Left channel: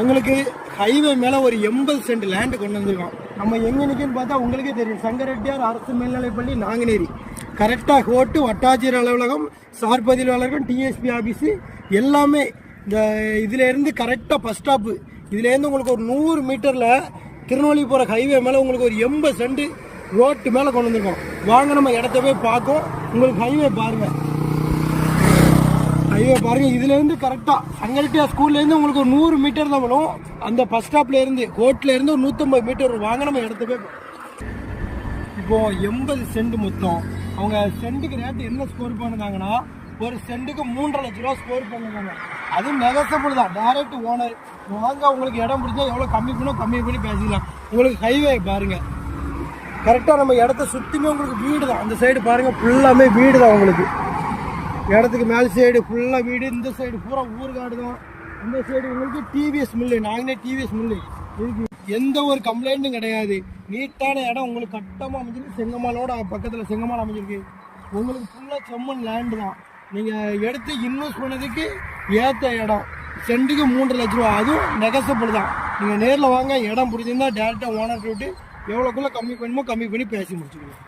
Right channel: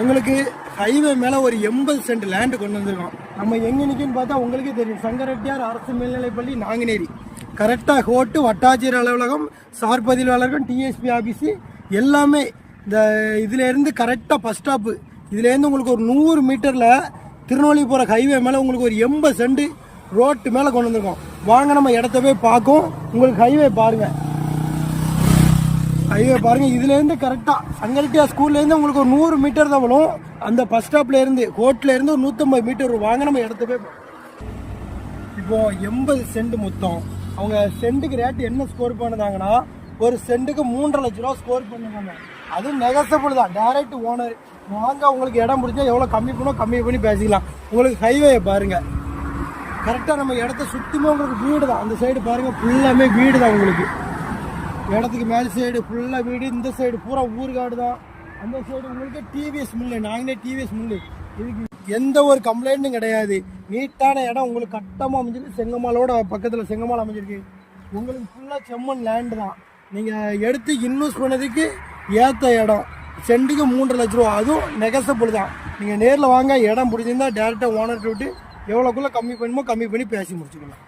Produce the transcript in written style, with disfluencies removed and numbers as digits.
உங்களுக்கு ஹைவே மேலே ஒரு 80 சென்ட் லேண்டு கொண்டு வந்துருக்கோம். நம்ம எங்கே நிற்குன்னு பார்த்தா உங்களுக்கே தெரியும். சங்கரெட்டியார் அரசு மேல்நிலைப்பள்ளி நாங்குநேரி. கரெக்டாக ஹோட்டு, வட்டாட்சியர் அலுவலகம், சார் பதிவு அலுவலகம், டிஎஸ்பி ஆஃபீஸு எல்லாமே இந்த இதிலேருந்து கரெக்டாக பஸ் ஸ்டாப்பு. இதுலேருந்து உங்களுக்கு ஒரு 100 மீட்டரில் திருநெல்வேலி போகிற ஹைவே மேலே உங்களுக்கு ஒரு 80 சென்ட் ரோட்டு மேலே கொண்டு வந்துருக்கோம். வாங்க நம்ம இடத்த போய் பார்க்கும். உங்களுக்கு ஹைவே பாருங்கள், ஹைவே பாருங்கள். இதுலேருந்து கரெக்டாக சங்கரெட்டியார் ஸ்கூல்லேருந்து உங்களுக்கு ஒரு 100 மீட்டர் தான் வரும். அந்த பஸ் ஸ்டாப்லேருந்து ஹோட்டலேருந்து ஒரு 150 மீட்டர் வரும். வாங்க நம்ம இடத்த போய் இப்போது 80 சென்ட் மொத்தம். அவங்க சென்ட்டுக்கு ரேட்டு என்ன ஸ்கோர் பண்ணுதாங்கன்னா, ஒரு சென்ட்டுக்கு 3.5 லட்ச ரூபா ஸ்கோர் பண்ணுவாங்க. அதுவும் நெகசபிள் தான், டைரக்ட் ஓனர். வாங்க உங்களுக்கு இடம் பிடிச்சா எவ்வளோ கம்மி பண்ணி பேசிக்கலாம். உங்களுக்கு ஹைவே பாருங்கள், கரெக்டாக நம்ம இடத்த சுற்றியுமே உங்களுக்கு வீடு தான். அந்த சைடு பாருங்கள், ஃபுல்லாமே வீடு தான். உங்களுக்கு இடத்துக்கு மேல் சைடு ஃபுல்லாக வீடு, இந்த சைடு பூரா ஊர்காடு தான். அந்த சைடு உங்களுக்கு டிவிஎஸ் மில்லு, நாங்களே டிவிஎஸ் மில்லு. உங்களுக்கு எந்த ஒரு கம்ப்ளைண்ட்டும் கிடையாது. நீட்டான இடம் உங்களுக்கு கட்டமாக அமைஞ்சிருக்கு. செங்கமாலோட பக்கத்தில் செங்கமால் அமைஞ்சிருக்கு. உங்களுக்கு ஃபுல்லாக செம்மன் லேண்டு தான். நீங்கள் எடுத்து இன்வெஸ்ட் பண்ணதுக்கு ஏற்ற இடம். சென்ட்டுக்கு 3.5 லட்ச ரூபா, அதுவும் நெகசபிள் தான். நீங்கள் நேரில் வாங்க, இடம் பிடிச்சிருந்தா டேரெக்டாக ஓனர்கிட்ட விட்டு எவ்வளோக்குள்ளே கம்மி பண்ணி பேசி முடிச்சுக்கணும்.